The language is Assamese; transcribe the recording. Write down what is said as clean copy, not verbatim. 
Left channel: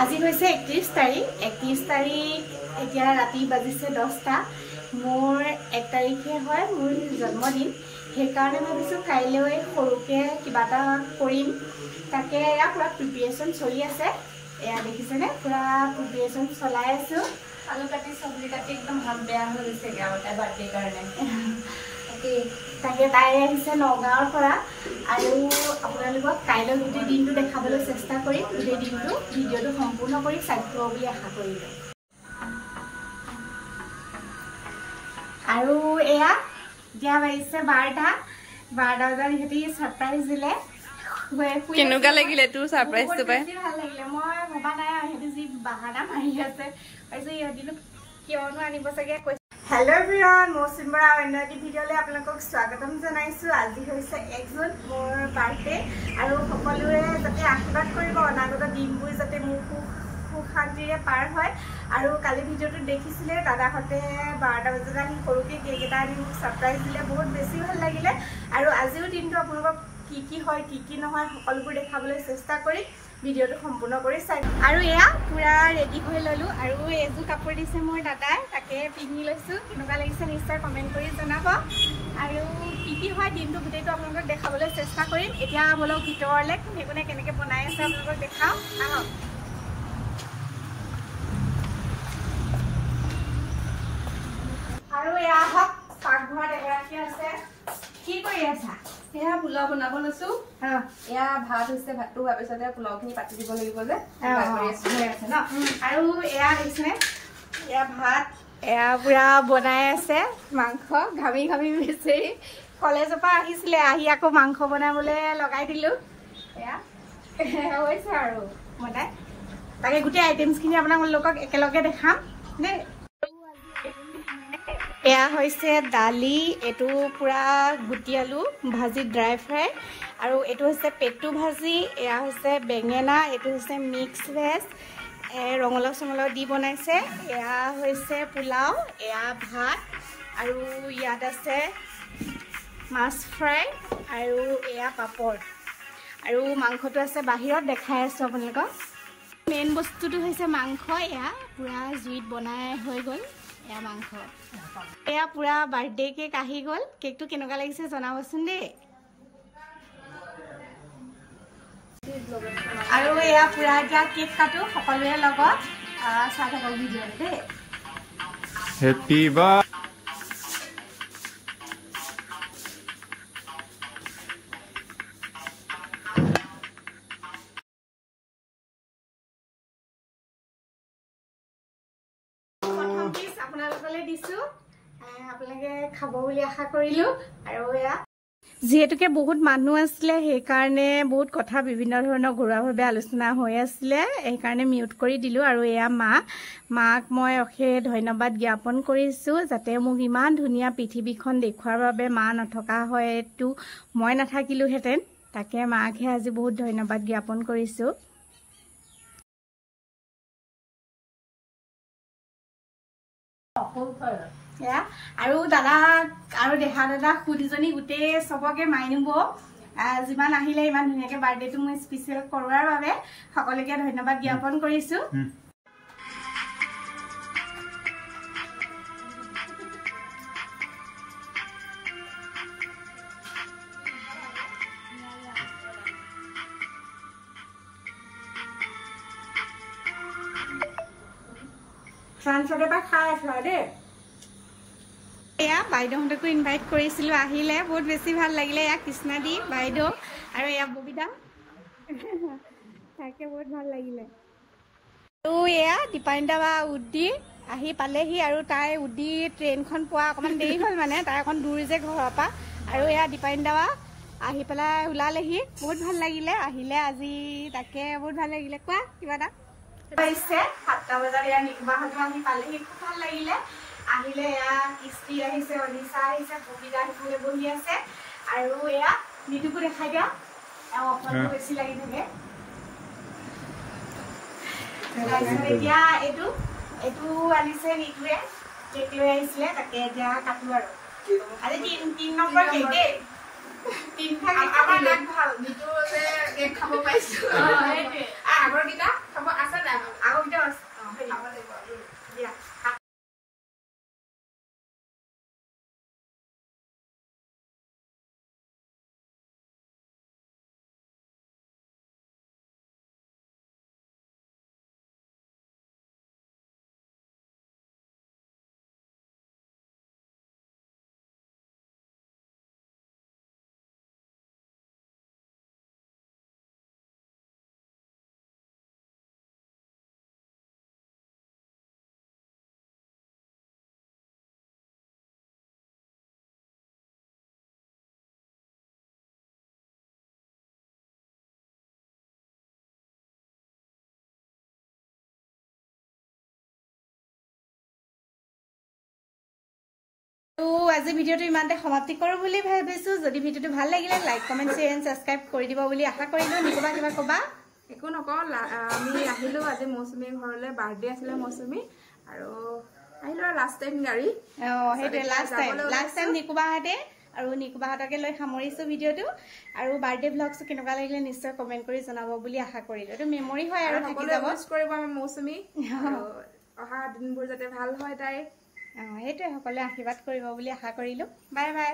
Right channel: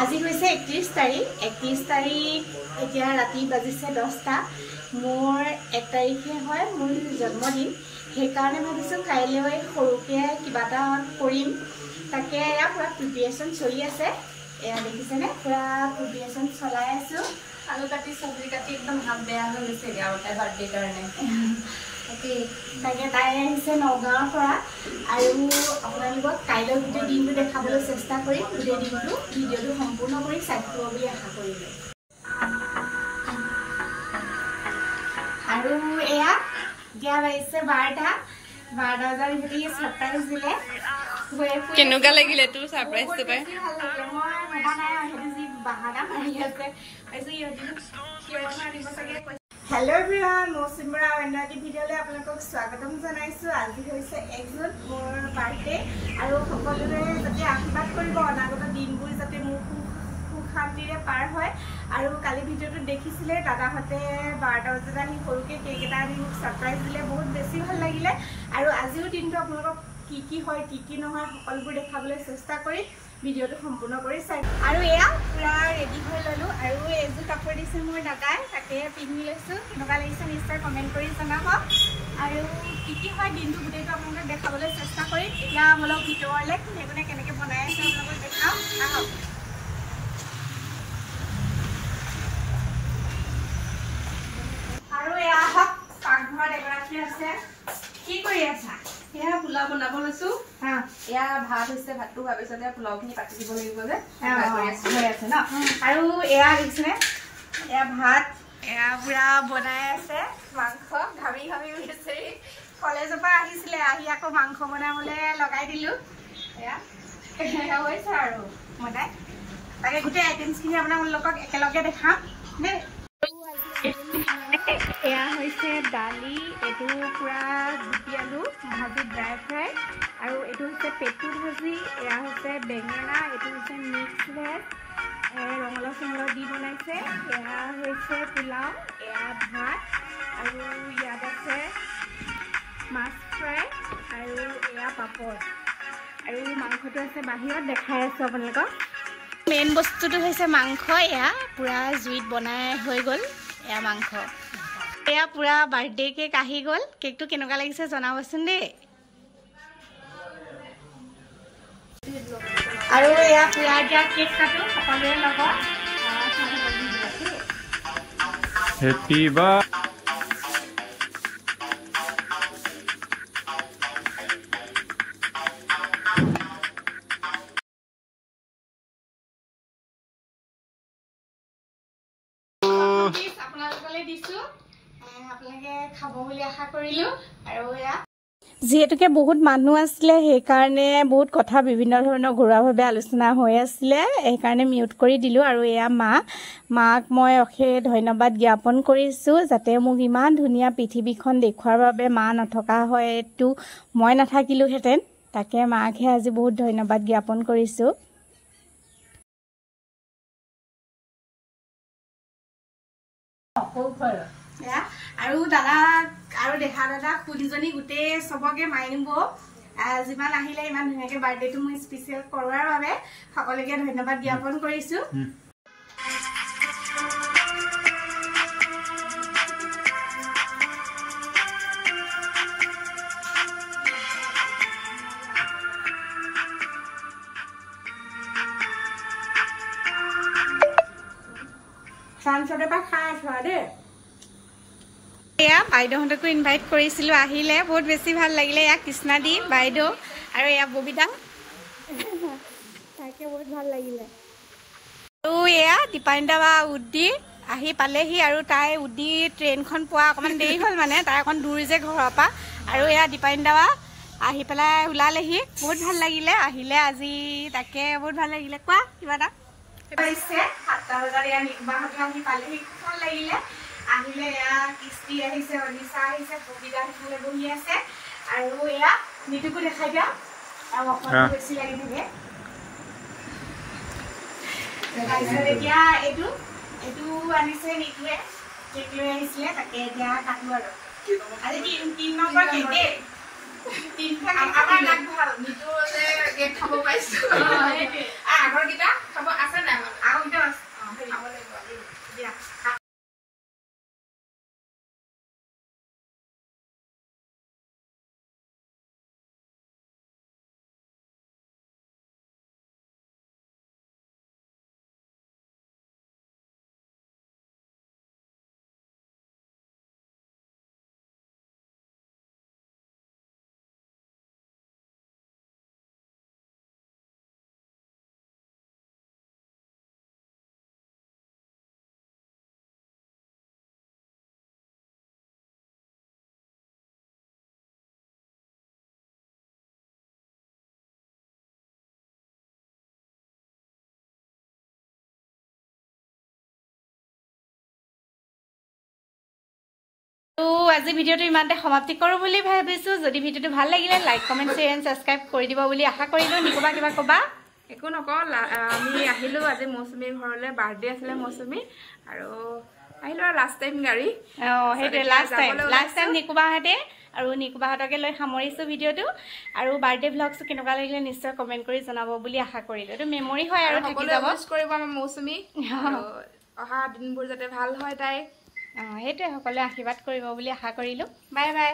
আজি হৈছে 31 তাৰিখ 31 তাৰিখ এতিয়া ৰাতি বাজিছে 10টা মোৰ 1 তাৰিখে হয় মোৰ জন্মদিন সেইকাৰণে ভাবিছোঁ কাইলৈ সৰুকে কিবা এটা কৰিম তাকে এয়া পুৰা প্ৰিপাৰেচন চলি আছে এয়া দেখিছেনে পুৰা প্ৰিপাৰেচন চলাই আছো আলু কাটি সবজি কাটি একদম হাত বেয়া হৈ গৈছে আৰু তাই বাৰ্থডে কাৰণে তাকে তাই আহিছে নগাঁৱৰ পৰা আৰু আপোনালোকক কাইলৈ গোটেই দিনটো দেখাবলৈ চেষ্টা কৰিম গোটেই দিনটো ভিডিঅ'টো সম্পূৰ্ণ কৰি চাই থাকিব বুলি আশা কৰিলোঁ আৰু এয়া এতিয়া বাজিছে 12টা বজাত সিহঁতি ছাৰপ্ৰাইজ দিলে কেনেকুৱা লাগিলে তোৰ ছাৰপ্ৰাইজটো পাই ভাল লাগিলে মই ভবা নাই সিহঁতি যি বাহানা মাৰি আছে কিয়নো আনিব চাগে হেল্ল' এভৰিৱান মই চিম্বৰা অন্য এটি ভিডিঅ'লৈ আপোনালোকক স্বাগতম জনাইছোঁ আজি হৈছে 1 জুন মোৰ বাৰ্থডে আৰু সকলোৱে যাতে আশীৰ্বাদ কৰিব অনাগত দিনবোৰ যাতে মোৰ সুখ শান্তিৰে পাৰ হয় আৰু কালি ভিডিঅ'টো দেখিছিলে দাদাহঁতে 12টা বজাত আহি সৰুকৈ কেক এটা আনি মোক ছাৰপ্ৰাইজ দিলে বহুত বেছি ভাল লাগিলে আৰু আজিও দিনটো আপোনালোকক কি হয় কি নহয় সকলোবোৰ দেখাবলৈ চেষ্টা কৰি ভিডিঅ'টো সম্পূৰ্ণ কৰি চাই আৰু এয়া পুৰা ৰেডি হৈ ল'লোঁ আৰু এযোৰ কাপোৰ দিছে মোৰ দাদাই তাকে পিন্ধি লৈছোঁ কেনেকুৱা লাগিছে নিশ্চয় কমেণ্ট কৰি জনাব আৰু কি হয় দিনটো গোটেইটো আপোনালোকক দেখাবলৈ চেষ্টা কৰিম এতিয়া বলক ভিতৰলৈ কোনে কোনে কেনেকৈ বনাই আছে আপোনালোকক দেখাওঁ আহক আৰু এয়া হওক পাকঘৰত এগৰাকী আছে কি কৰি আছা এয়া পোলাও বনাব লৈছো এয়া ভাত হৈছে ভাতটো হোৱাৰ পিছতে পোলাওখিনি পাতি দিব লাগিব যে হৈ আছে ন আৰু এয়া হৈছে এয়া ভাত এয়া পুৰা বনাই আছে মাংস ঘামি ঘামি বিচাৰি কলেজৰ পৰা আহিছিলে আহি আকৌ মাংস বনাবলৈ লগাই দিলোঁ এয়া হৈছে আৰু বনাই তাকে গোটেই আইটেমছখিনি আপোনালোকক একেলগে দেখাম দেই এয়া হৈছে দালি এইটো পুৰা গুটি আলু ভাজি ড্ৰাই ফ্ৰাই আৰু এইটো হৈছে পেটু ভাজি এয়া হৈছে বেঙেনা এইটো হৈছে মিক্স ভেজ ৰঙালাও চঙলাও দি বনাইছে এয়া হৈছে পোলাও এয়া ভাত আৰু ইয়াত আছে মাছ ফ্ৰাই আৰু এয়া পাপৰ আৰু মাংসটো আছে বাহিৰত দেখাই আছোঁ আপোনালোকক মেইন বস্তুটো হৈছে মাংস এয়া পুৰা জুইত বনাই হৈ গ'ল এয়া মাংস এয়া পুৰা বাৰ্থডে কেক আহি গ'ল কেকটো কেনেকুৱা লাগিছে জনাবচোন দেই আৰু এয়া পুৰা এতিয়া কেক কাটো সকলোৰে লগত হেপী বাৰ্থডে আপোনালোকলৈ দিছোঁ আপোনালোকে খাব বুলি আশা কৰিলোঁ আৰু এয়া যিহেতুকে বহুত মানুহ আছিলে সেইকাৰণে বহুত কথা বিভিন্ন ধৰণৰ ঘৰুৱাভাৱে আলোচনা হৈ আছিলে সেইকাৰণে মিউট কৰি দিলোঁ আৰু এয়া মাক মই অশেষ ধন্যবাদ জ্ঞাপন কৰিছোঁ যাতে মোক ইমান ধুনীয়া পৃথিৱীখন দেখুৱাৰ বাবে মা নথকা হয়তো মই নাথাকিলোহেঁতেন তাকে মাকহে আজি বহুত ধন্যবাদ জ্ঞাপন কৰিছোঁ আৰু দাদাক আৰু দেহা দাদা খুদীজনী গোটেই চবকে মাৰিব যিমান আহিলে ইমান ধুনীয়াকৈ বাৰ্থডেটো মই স্পেচিয়েল কৰোৱাৰ বাবে সকলোকে ধন্যবাদ জ্ঞাপন কৰিছোঁ চানচতে পৰা খাই আছো আৰু দেই এয়া বাইদেউহঁতকো ইনভাইট কৰিছিলোঁ আহিলে বহুত বেছি ভাল লাগিলে এয়া কৃষ্ণাদী বাইদেউ আৰু এয়া ববিতা তাকে বহুত ভাল লাগিলে আৰু এয়া দীপানিতা বা উদ্দি আহি পালেহি আৰু তাই উদ্দি ট্ৰেইনখন পোৱা অকণমান দেৰি হ'ল মানে তাই অকণ দূৰ যে ঘৰৰ পৰা আৰু এয়া দীপানিতা বা আহি পেলাই ওলালেহি বহুত ভাল লাগিলে আহিলে আজি তাকে বহুত ভাল লাগিলে কোৱা কিবা এটা হৈছে 7টা বজাত এয়া নিকুবাহঁতে আহি পালেহি খুব ভাল লাগিলে আহিলে এয়া কৃষ্টি আহিছে অনিশা আহিছে ববিতা সিফালে বহি আছে আৰু এয়া নিতুকো দেখাই দিয়া আৰু অকণমান বেছি লাগি থাকে তাৰপিছত এতিয়া এইটো আনিছে নিতুৱে কেক লৈ আহিছিলে তাকে এতিয়া কাটো আৰু আজি 3 নম্বৰ কেক দেই 3 আমাৰ লাগ ভাল নিতু যে কেক খাব পাইছোঁ আগৰ কিটা খাব আছে না আজি ভিডিঅ'টো ইমানতে সমাপ্তি কৰোঁ বুলি ভাবিছোঁ যদি ভিডিঅ'টো ভাল লাগিলে like comment share and subscribe কৰি দিব বুলি আশা কৰিলোঁ নিকুবা কিবা ক'বা একো নকওঁ আমি আহিলোঁ আজি মৌচুমীৰ ঘৰলৈ বাৰ্থডে আছিলে মৌচুমী আৰু আহিলোঁ আৰু লাষ্ট টাইম গাড়ী সেইটোৱে লাষ্ট টাইম নিকুবাহঁতে আৰু নিকুবাহঁতকে লৈ সামৰিছোঁ ভিডিঅ'টো আৰু বাৰ্থডে ভ্লগটো কেনেকুৱা লাগিলে নিশ্চয় কমেণ্ট কৰি জনাব বুলি আশা কৰিলোঁ এইটো মেমৰি হয় আৰু থাকি যাব কৰিব আমাৰ মৌচুমী অহা দিনবোৰ যাতে ভাল হয় তাই সেইটোৱে সকলোৱে আশীৰ্বাদ কৰিব বুলি আশা কৰিলোঁ বাই বাই